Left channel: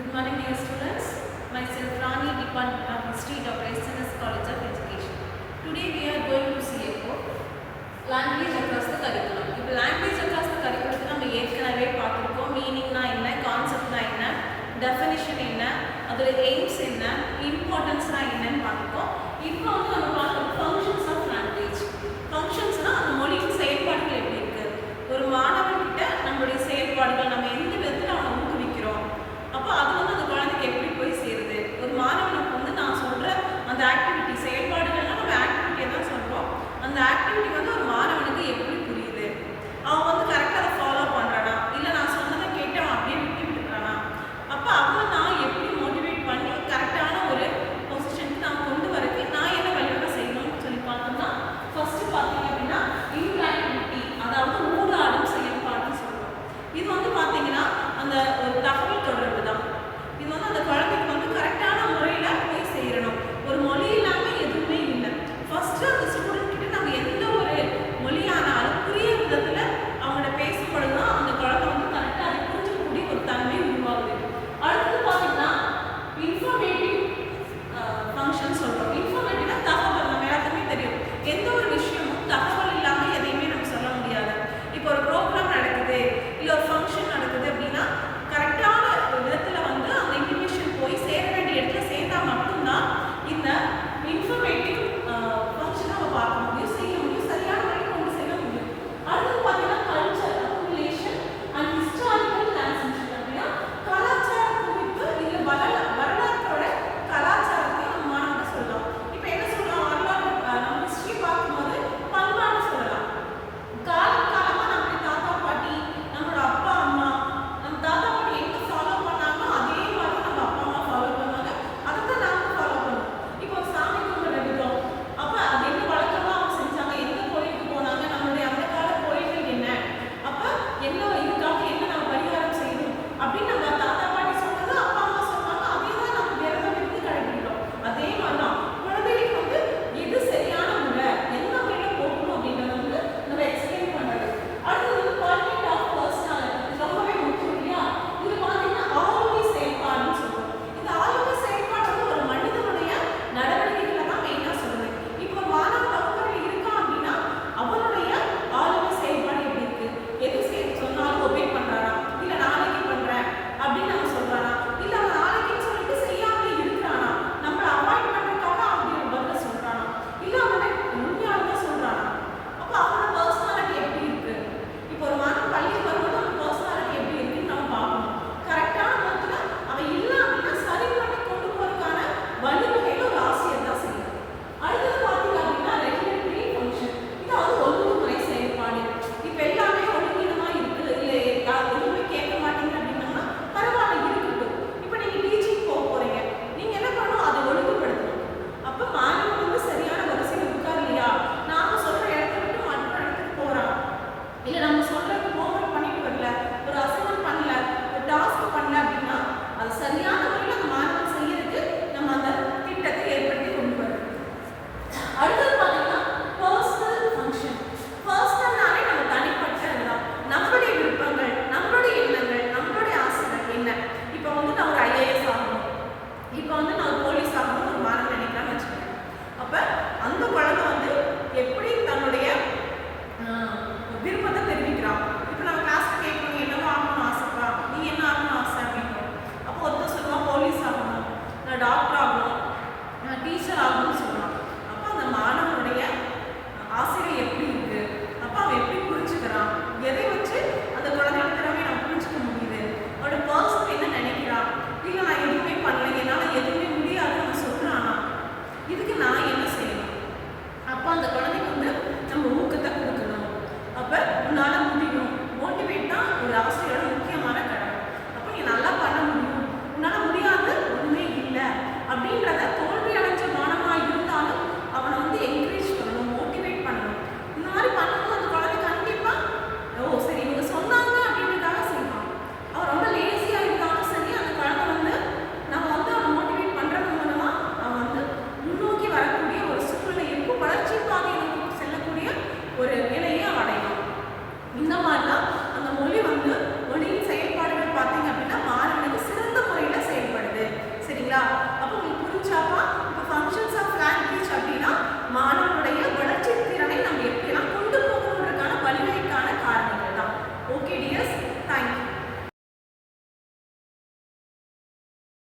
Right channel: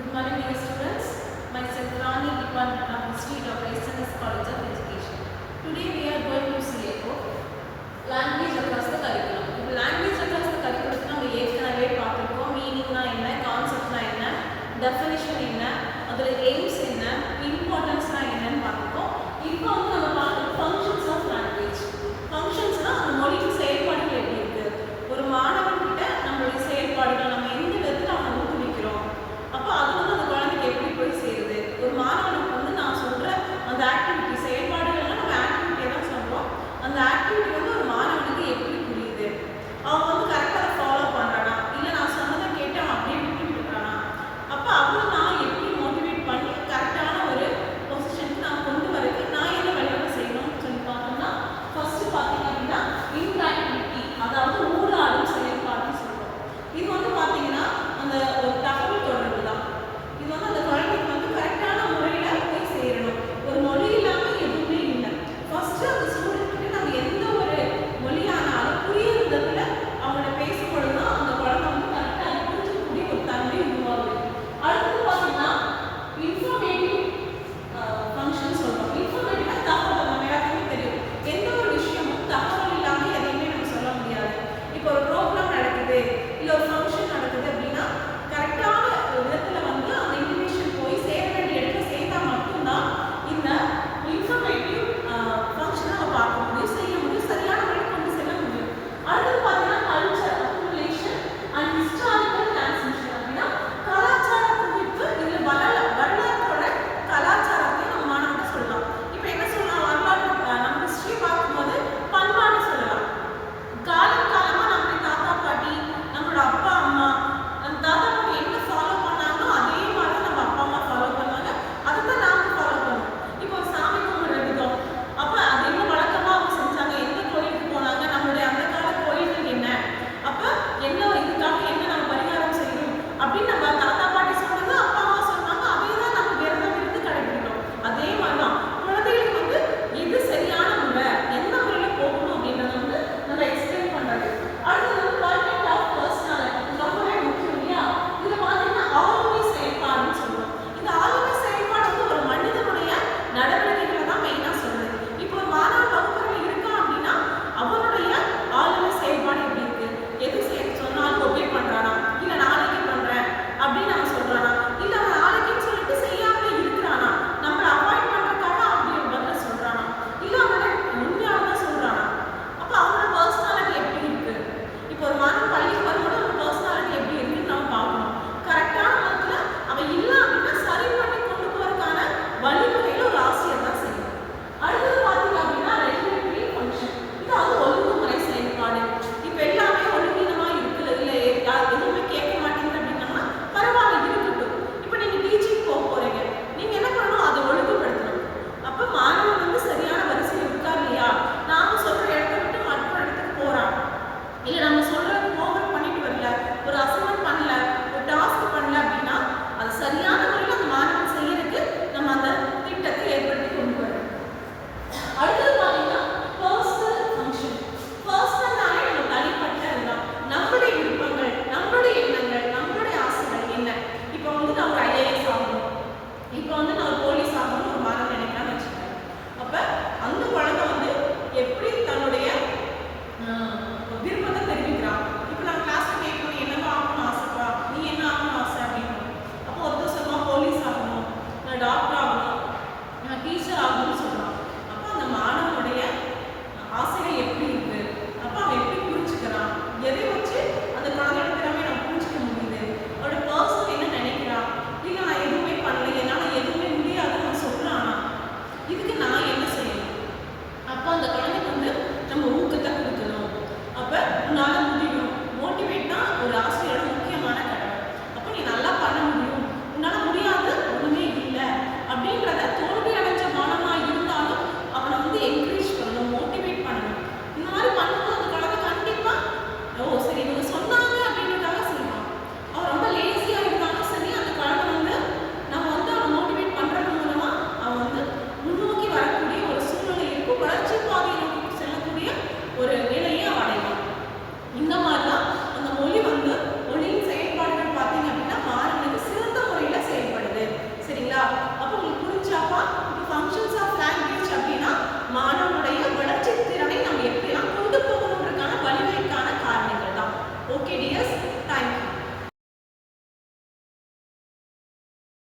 Good morning, dear students. Myself Rani, Department of History, Dr. SNS College of Education. Today we are going to see about language across the curriculum. இப்போ language across the curriculum நம்ம ஏற்கனவே பார்த்திருக்கோம். மீனிங்னா என்ன, கான்செப்ட்னா என்ன, definition என்ன, அதோட AIIMS என்ன, இம்பார்ட்டன்ஸ்னா என்னன்னு பார்த்திருக்கோம். இப்போ வந்து நம்ம பார்க்குறது ஃபங்க்ஷன்ஸ் ஆஃப் லாங்குவேஜ். ஃபங்க்ஷன்ஸ்னா அந்த மொழியின் செயல்பாடுகள் எப்படி இருக்கு, ஒரு மாணவன்கிட்ட நம்மளுடைய செயல்பாடுகள் நம்ம எந்த விதத்தில் அவனை ஊக்குவிக்கிறோம், அப்போ அது வந்து அந்த குழந்தைக்கு எப்படி போய் சேருது. ஒரு மாணவனுக்கு வந்து நான் சொல்கிற அந்த ஆக்டிவிட்டி செயல்பாடுகள்லாம் நம்ம ஆக்டிவிட்டியை தான் சொல்கிறோம். அந்த ஆக்டிவிட்டி வந்து ஒரு மாணவனுக்கு எப்படி புரியுது, அவன் வந்து கரெக்டாக அதை ஃபாலோ பண்ணுறானா, இல்லை நான் சொன்னதை கேட்டு அவன் அப்படியே விட்டுறானா, அப்போ அவனை நான் எப்படி மோட்டிவேட் பண்ணி கரெக்டான ஒரு பொசிஷனுக்கு நான் கொண்டு வரக்கு நான் என்ன வழிவகை செய்யணும்னு சொல்லி பார்த்தோம்னா, ஃபர்ஸ்ட் பார்த்தீங்க அப்படின்னா இன்ட்ராக்டிவிட்டி, அதாவது ஊடாடும் செயல்பாடுன்னு சொல்லுவோம். இது வந்து பார்த்தீங்கன்னா அந்த ஒரு தகவல் தொடர்பு தான். இது வந்து அந்த குழந்தைக்கு வந்து கரெக்டான முறையில் போய் சேரணும். ஒரு மொழி இல்லாமல் எதுவுமே இல்லை. ஃபர்ஸ்ட் அந்த ஸ்டூடெண்ட் கிட்ட நம்ம எந்த ஒரு மொழியானாலும் புரிய விதத்தில் அவங்கள்ட்ட பேசப்படும் தான் அந்த குழந்தை வந்து கரெக்டாக அதை புரிஞ்சுக்கக்கூடிய ஒரு தன்மை உருவாகுது. அடுத்தது பார்த்தீங்கன்னா இன்ஃபர்மேட்டிவ் ஃபங்க்ஷன் சொல்கிறோம். இன்ஃபர்மேட்டிவ்னா தகவல், நம்ம எல்லாத்துக்குமே தெரியும் எந்த ஒரு விஷயமும் தகவல் இல்லாமல் எதையுமே நம்ம சொல்ல முடியாது. இப்போ ஒரு ப்ரோக்ராம் நடக்குது, இல்லை ஒரு ஃபங்க்ஷன் நடக்குது அப்படின்னா கரெக்டான விதத்தில் வந்து அந்த இன்ஃபர்மேஷன் போய் சேர வேண்டிய இடத்துல சேர்ந்தால் மட்டும்தான் இந்த இன்ஃபர்மேட்டிவ் ஃபங்க்ஷனை நம்ம பார்க்க முடியும், செய்ய முடியும், சரியான வழியில் கொண்டு செல்ல முடியும். அடுத்தது பார்த்தீங்கன்னா culture accumulation and historical transmission. அப்படின்னா கலாச்சார குவிப்பு, இதில் வரலாற்றோட கலாச்சாரத்தையும் நம்ம மாணவர்கள் சொல்லலாம். இப்போ என்ன சொல்லலாம், வரலாற்று நம்ம ஹிஸ்ட்ரி பார்க்கும்போது பண்பாடு சொல்லலாம். காலம் காலமாக நம்மளுடைய தாத்தா பாட்டி, நம்மளோட அப்பா அம்மா, நம்ம தாத்தா பாட்டி என்ன ஃபாலோ பண்ணாங்களோ அதே மாதிரி நம்ம அப்பா அம்மா ஃபாலோ பண்ணுவாங்க, அதை தான் நாம ஃபாலோ பண்ணுவோம். இப்போ ஒரு சாமி கும்பிட்ற விதம், அப்போ அது என்ன வழக்கமாக அவங்க செஞ்சாங்க, எந்த கோயிலுக்கு போனாங்க, நம்மளுடைய அந்த கால கோயில்கள் என்ன, அப்போ என்ன இதுக்காக என்ன நம்ம பரிகாரம் செய்யணும் அப்படின்னு நம்ம தாத்தா பாட்டி சொன்னது அப்பா அம்மா சொன்னாங்க, அதே தான் நம்ம விரதம் இருந்து கடைபிடிக்கிறோம். அதே மாதிரி தான் குழந்தைகளுக்கு வந்து எது சரியான முறை, எந்த முறையில் போகணும் அப்படின்றத வந்து நம்ம எக்ஸ்பிளைன் பண்ணுறது. அடுத்தது வந்து குவாலிட்டி ஆஃப் பர்சனாலிட்டி, இது ரொம்பவே முக்கியம் இல்லையா. இதில் பார்த்தீங்கன்னா ஆளுமை செயல்பாடுன்னு சொல்லுவோம். இந்த ஆளுமை செயல்பாடு வந்து ஒரு மனிதனுடைய நடவடிக்கைகளை தான் மெயினாக சொல்லுது. இப்போ ஒரு மாணவன் வகுப்பறையில் இருக்கான் அப்படின்னா அவனுடைய ஆளுமை செயல்பாடு எப்படி இருக்கு, எது சொன்னாலும் ஒபே பண்ணுறானா, இல்லை நாளைக்கு பண்ணுறேன் அப்படின்னு அவன் சொல்கிறானா, இல்லை அவன் நாளைக்குன்னு சொல்லிட்டு செய்யாமல் இருக்கிறானா, நம்மளை அவாய்ட் பண்ணுறதுக்காக அப்படி பதில் சொல்கிறானா, இல்லை அவனை உண்மையாக தான் சொல்கிறானா, அப்போ அவனோட பர்சனாலிட்டி எப்படி இருக்கு. இப்போ ஒரு மாணவன் பள்ளிக்கு வரும்போது அவன் பர்சனாலிட்டி எப்படி இருக்குன்னு நம்ம பார்க்கணும். கரெக்டான விதத்தில் அவன் இல்லை அப்படின்னா சரி பண்ணி கொண்டு போகிறதுக்கான வழிவகையில் ஒரு ஆசிரியர் தான் செய்யணும். அடுத்தது பார்த்தீங்க அப்படின்னா ரெகுலேட்டரி ஃபங்க்ஷன், இது அது ஒழுங்குமுறை செயல்பாடு. இப்போ எல்லாமே ஒழுங்கீனமாக இருக்குது, இல்லை எதுவுமே கேட்க மாட்டேங்குது அப்படின்னா பரவாயில்ல இருக்கட்டும். இப்போ நீங்கள் டீச்சிங் போக போகிறீங்க, நீங்கள் என்ன பண்ணணும், அதை ஒழுங்குபடுத்தணும். அப்போ மாணவன் வந்து சரியான வரிசையில் உட்கார்லையா, நாம் சொல்கிற இடத்த விட்டு மற்றொரு இடத்துக்கு போகிறான், இல்லை நம்ம சொல்கிறது ஹோம்ஒர்க் பண்ணிட்டு வரல, ஒரு அசைன்மெண்ட் பண்ணல, ஒரு டாஸ்க் பண்ணல அப்படின்னா அது சரியான முறையில் அந்த மாணவன் செய்யறதுக்கு நம்ம அந்த திட்டத்தை ஏற்படுத்தி கொண்டு வரணும். அடுத்தது பார்த்தீங்கன்னா பர்சனல் ஃபங்க்ஷன். பர்சனல்னாலே நம்ம தனிப்பட்டது தான், நம்மளுடைய விருப்பங்கள், நம்மளுடைய எண்ணங்கள், நம்மளுடைய ஆசைகள் என்ன. இப்போ வந்து நான் ஒரு IAS ஆகணும், இப்போ வந்து நான் ஒரு போலீஸ் ஆகணும்னு ஒரு மாணவன் நினைக்கிறான்னு வச்சுக்கிறேன். அப்போ அந்த குழந்தை வந்து எப்படி தன்னுடைய விருப்பத்தை தெரிவிக்கிறான். இப்போ நான் கிளாஸில் கேட்கணும், என்னவோ ஆகணும்னு ஆசைப்பா, நீ என்ன ஆகணும்னு ஆசை அப்படின்னு. அப்போ ஒருத்தர் சொல்லுவான் போலீஸ் ஆகணும், நான் டாக்டர் ஆகணும், நான் டீச்சர் ஆகணும்னு சொல்கிறான். அப்போ அந்த மாணவனுடைய ஆசைகள் எப்படி இருக்குது, அப்போ அவன் எப்படி புரிஞ்சுக்கிறான், எதை வச்சு அந்த குழந்தையோட திறமையை நம்ம புரிஞ்சுக்க முடியுது, அவனோட பர்சனல் என்ன நினைக்கிறான், இல்லை நான் எதுவுமே பண்ணல, என்னால் எதுவுமே முடியாதுன்னு அவன் சொல்கிறானா, இதுக்கு நான் என்ன செய்யணும். அப்போ அந்த குழந்தைக்கு வந்து நம்ம ஊக்கத்தை கொடுக்கணும். அப்போ உன்னால் முடியும், மோட்டிவேட் தான் ஒரு ஆசிரியர்